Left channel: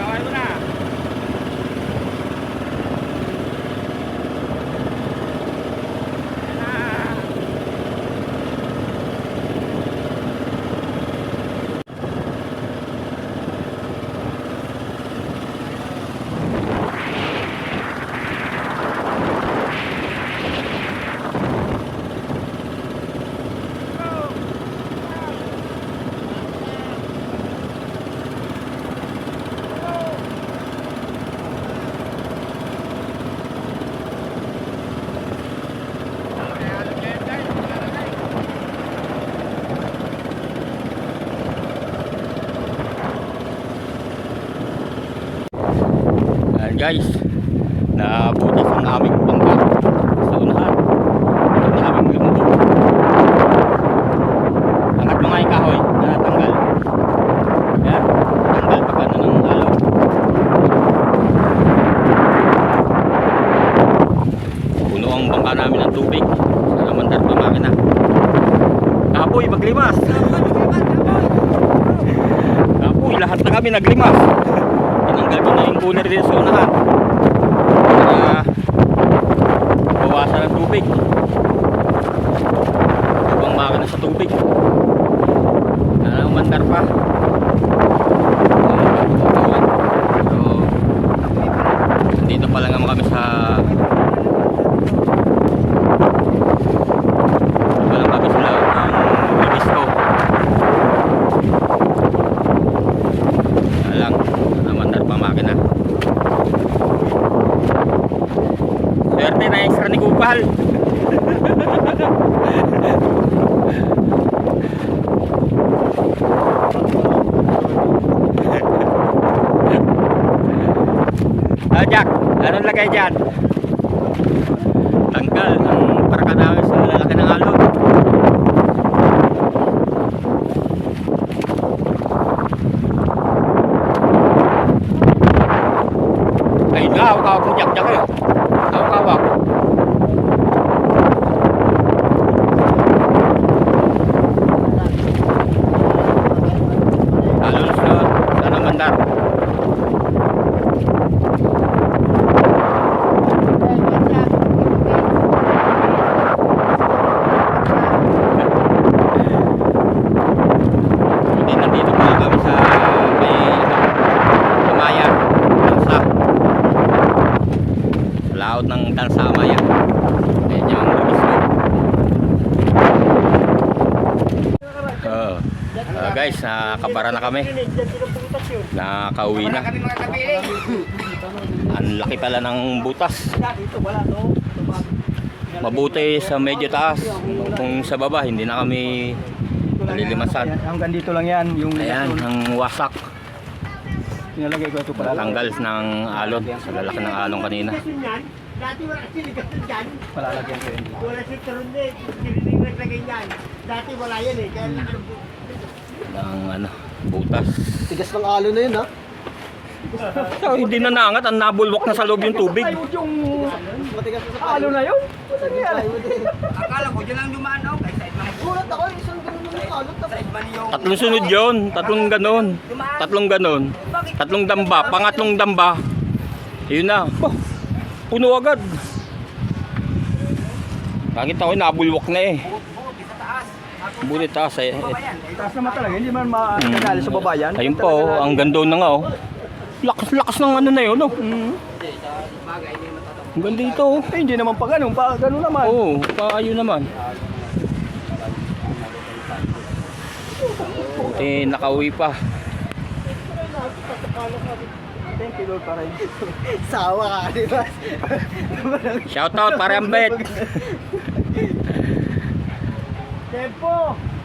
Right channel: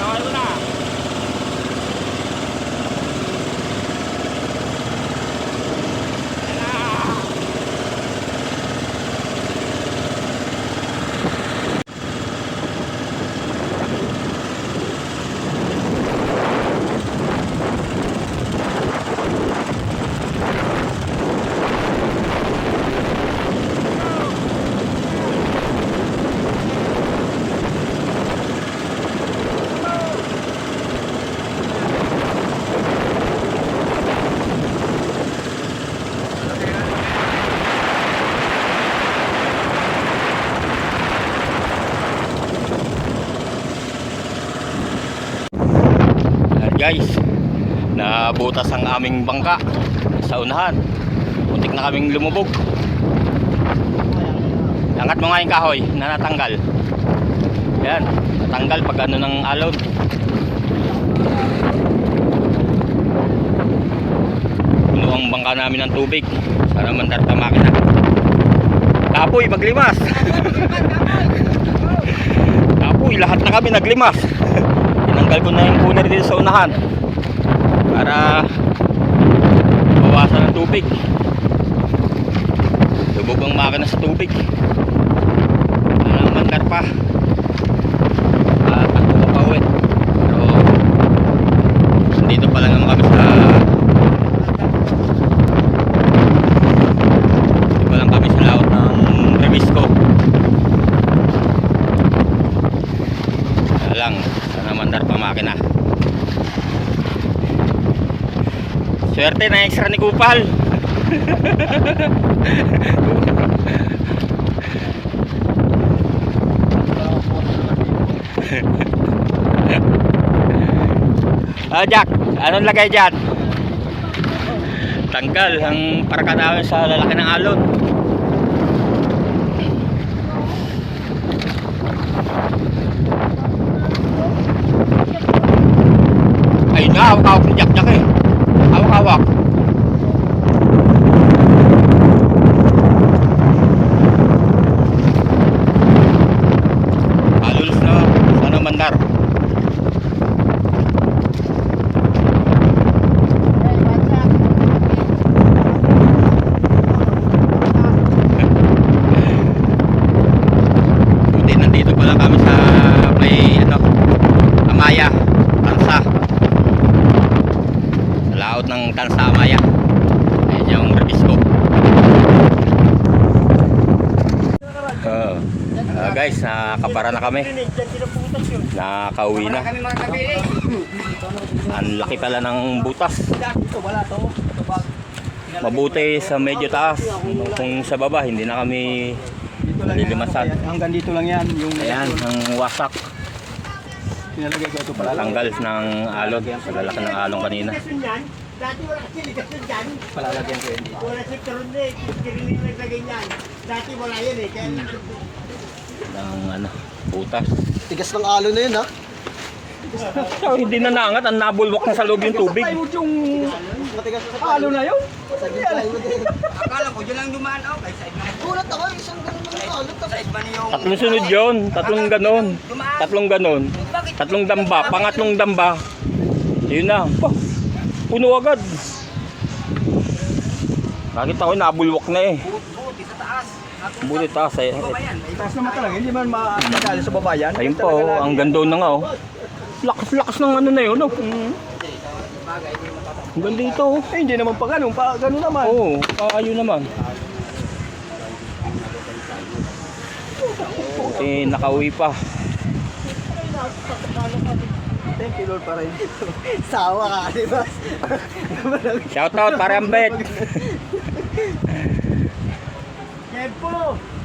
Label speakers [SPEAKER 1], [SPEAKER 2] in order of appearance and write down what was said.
[SPEAKER 1] খাওয়াইব না guys. Nabutas ang aming bangka sa unahan. Muntik na kaming lumubog. Angat mo nga yung kahoy na natanggal yan tanggal pag ano ng alaw. Puno ang bangka namin ng tubig. Para mandar pa makina. Kapoy maglimas. Kapoy lahat na kami naglimas tinanggal ko na yung cooler dito sa unahan. Para bawasan ng tubig. Lubog ang makina sa tubig. Nanamandar pa at pagpapawin pero dito pa lang naman kami sa dito pa lang kami sa laot ng Revisco Kaya lang nanamandar pa ang makina Swerte na extra ni Kupal. ah, Jack, anong lagay dyan? Tanggal ang parka namin sa lalaki ng alon. Ayun na, hawak-hawak ni Jack Jack eh. Hawak-hawak. Halos na sana mandar. Buti nandito pala kami sa may ano, Amaya, Tansa. Sa laot ng Tansa Amaya. Ayan yung Revisco. Uh, uh, guys, nakapara na kami. Nakauwi na. Ang laki pala ng butas. Mabuti sa medyo taas. Kung sa baba, hindi na kami nalilimasan.
[SPEAKER 2] Hanggang dito lang yan. Yung
[SPEAKER 1] Ayan, ang wasak. Tanggal ng alon. Sa lalaki ng alon kanina.
[SPEAKER 3] Dati wala kasi ligasan dyan.
[SPEAKER 2] Palalagyan ko yun.
[SPEAKER 3] Wala si Karoon na eh. Piniling na lagay yan. Dati wala yan eh. Kaya
[SPEAKER 1] Ng ano, butas.
[SPEAKER 2] Tigas ng alo na yun ha.
[SPEAKER 1] So, hindi na naangat. Ang nabulwak na sa loob yung tubig.
[SPEAKER 2] Yung matigas na alo na yun.
[SPEAKER 3] Akala ko dyan lang dumaan ako. Ay, side man.
[SPEAKER 2] Gulat ako, isang ganun ng alo.
[SPEAKER 3] Side man yung...
[SPEAKER 1] Tatlong sunod yun. Tatlong ganon. Tatlong ganon. Tatlong damba. Pangatlong damba. Yun na. Oh, puno agad. Nakita ko, nabulwak na eh. Buti taas eh.
[SPEAKER 2] Taas naman talaga, hindi man matagali sa babayan.
[SPEAKER 1] Ayun po, oh, ang ganda na nga oh. Lakas-lakas ng ano na yun oh. Ang ganda ito oh.
[SPEAKER 2] Eh, hindi naman pa ganun, pa ganun naman.
[SPEAKER 1] Oo, paayo naman. Buti nakauwi pa.
[SPEAKER 2] Thank you Lord para yun. Sawa ka, di ba?
[SPEAKER 1] Shoutout para Ambet.
[SPEAKER 2] Tempo!